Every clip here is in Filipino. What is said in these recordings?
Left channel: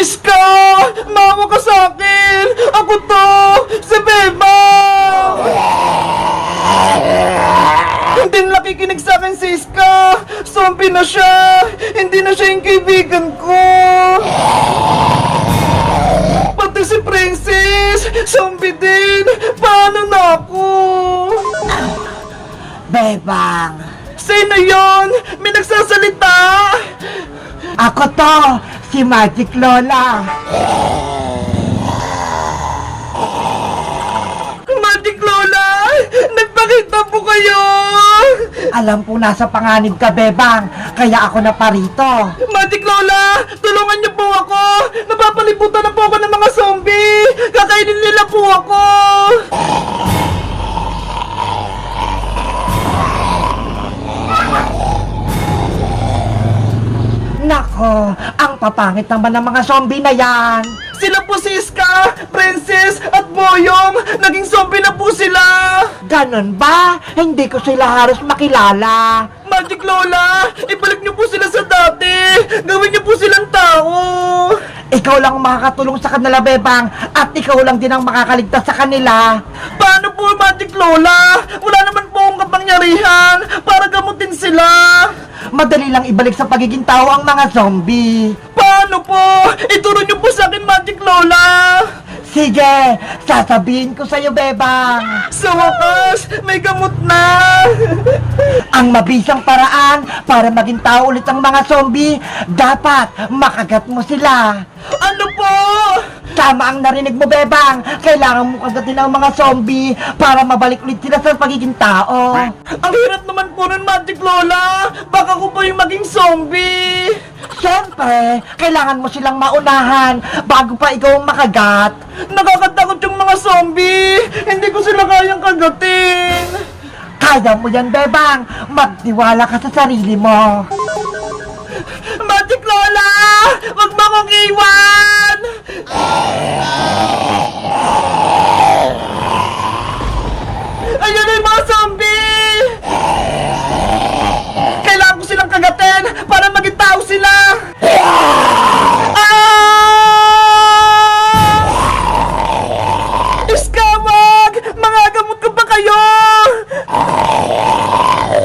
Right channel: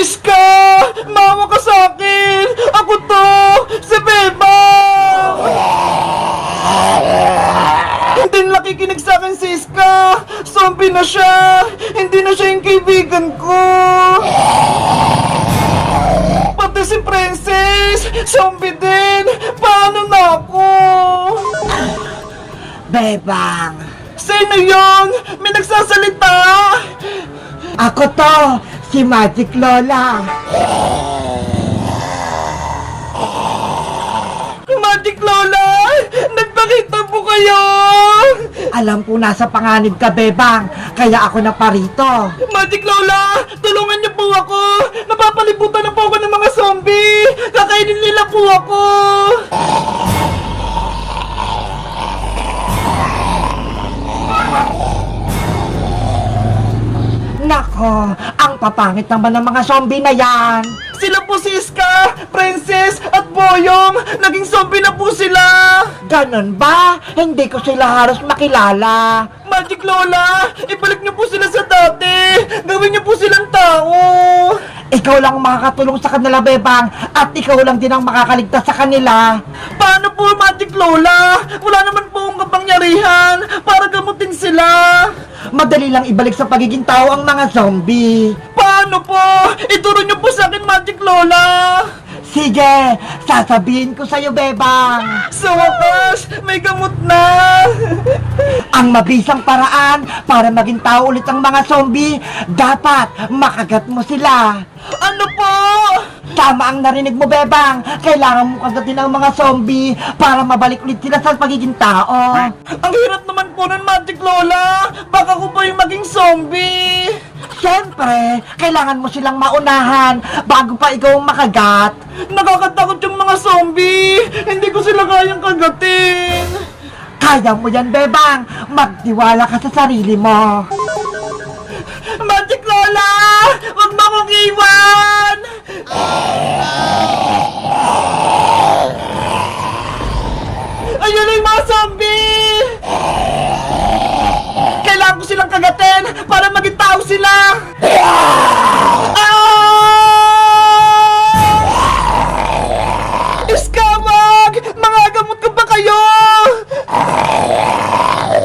Promise ka! Mawa ka sa akin! Ako to! Si Beba! Hindi nakikinig sa akin si Iska! Zombie na siya! Hindi na siya yung kaibigan ko! Pati si Princess! Zombie din! Paano na ako? Bebang! Sino yun? May nagsasalita! Ako to! Si Magic Lola. Magic Lola! Nagpakita po kayo! Alam ko nasa panganib ka, Bebang, kaya ako na parito. Magic Lola! Tulungan niyo po ako! Napapalibutan na po ako ng mga zombie! Kakainin nila po ako! Nako, ang papangit naman ng mga zombie na yan. Sila po si Iska, Princess, at Boyong! Naging zombie na po sila! Ganon ba? Hindi ko sila halos makilala. Magic Lola! Ibalik niyo po sila sa dati! Gawin niyo po silang tao! Ikaw lang ang makakatulong sa kanila, Bebang, at ikaw lang din ang makakaligtas sa kanila. Paano po, Magic Lola? Wala naman po akong kapangyarihan para gamutin sila! Madali lang ibalik sa pagiging tao ang mga zombie. Paano po? Ituro niyo po sa akin, Magic Lola! Sige, sasabihin ko sa'yo, Bebang. Sa wakas, may gamot na! Ang mabisang paraan para maging tao ulit ang mga zombie, dapat makagat mo sila. Tama ang narinig mo, Bebang. Kailangan mo kagatin ang mga zombie para mabalik ulit sila sa pagiging tao. Ang hirap naman po nun, Magic Lola! Baka ko pa yung maging zombie! Siyempre, kailangan mo silang maunahan bago pa ikaw ang makagat. Nakakatakot yung mga zombie! Hindi ko sila kayang kagatin! Kaya mo yan, Bebang. Magtiwala ka sa sarili mo. Magic Lola! Huwag mo akong iwan! Ayun na yung mga zombie! Kailangan ko silang kagatin para maging tao sila! Ah! Iskamag! Mga gamot ko ba kayo?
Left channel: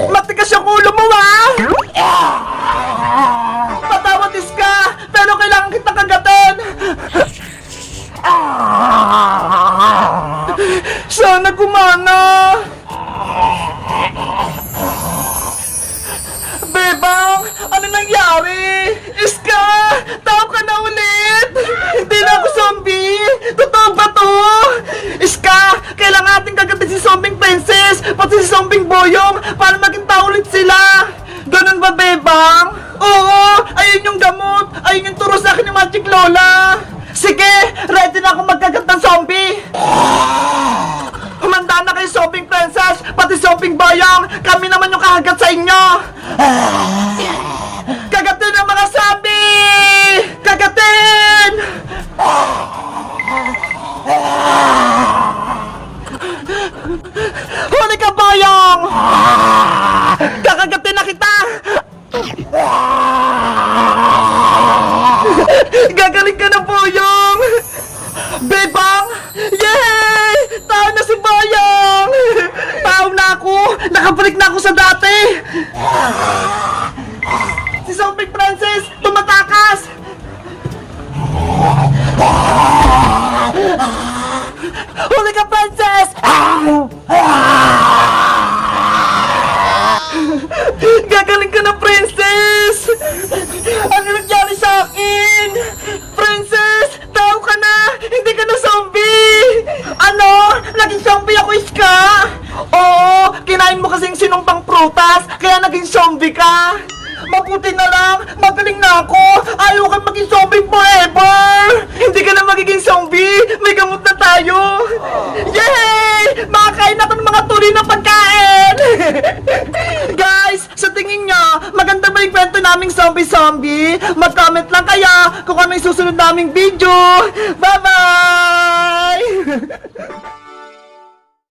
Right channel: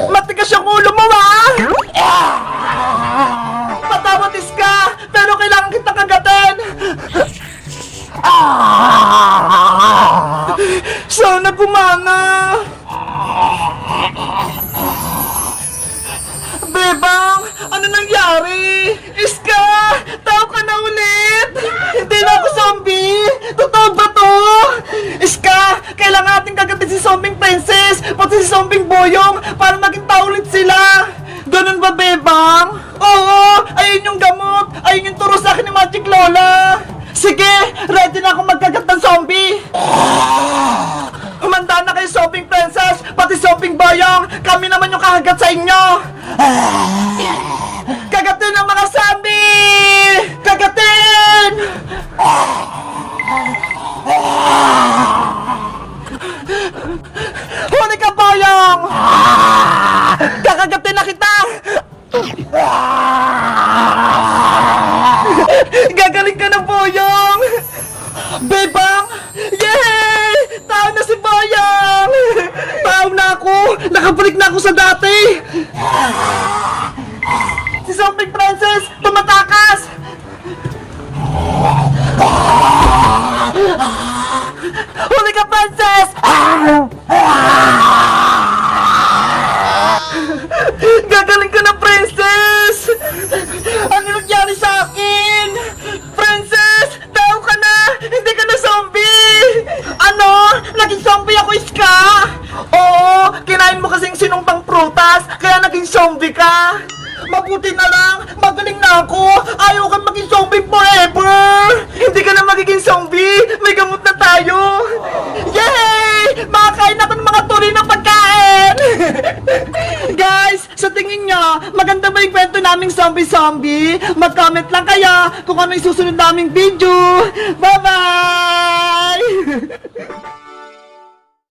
Matigas yung ulo mo, ah! Patawad, Iska! Pero kailangan kita kagatin! Sana gumana! Bebang! Ano nangyari? Iska! Tao ka na ulit! Hindi na ako zombie! Totoo ba to? Iska! Kailangan natin kagatin si Zombing Princess! Pati si Zombing Boyong! Para maging tao ulit sila! Ganun ba, Bebang? Oo! Ayun yung gamot! Ayun yung turo sa akin ni Magic Lola! Sige! Ready na ako magkagat ng zombie! Kumanda na kayo, Shopping Princess! Pati Shopping Boyong! Kami naman yung kahagat sa inyo! Kagatin ang mga zombie! Kagatin! Huli ka, Boyong! Kakagatin na kita! Gagaling ka ng Si Zombie Princess! Tumatakas! Huli Kinain mo kasing sinumpang prutas, kaya naging zombie ka! Mabuti na lang! Magaling na ako! Ayaw kang maging zombie forever! Hindi ka na magiging zombie! May gamot na tayo! Yay! Makakain ako ng mga tuloy na pagkain! Guys, sa tingin nyo, maganda ba yung kwento naming zombie-zombie? Mag-comment lang kaya kung ano yung susunod naming video. Bye-bye!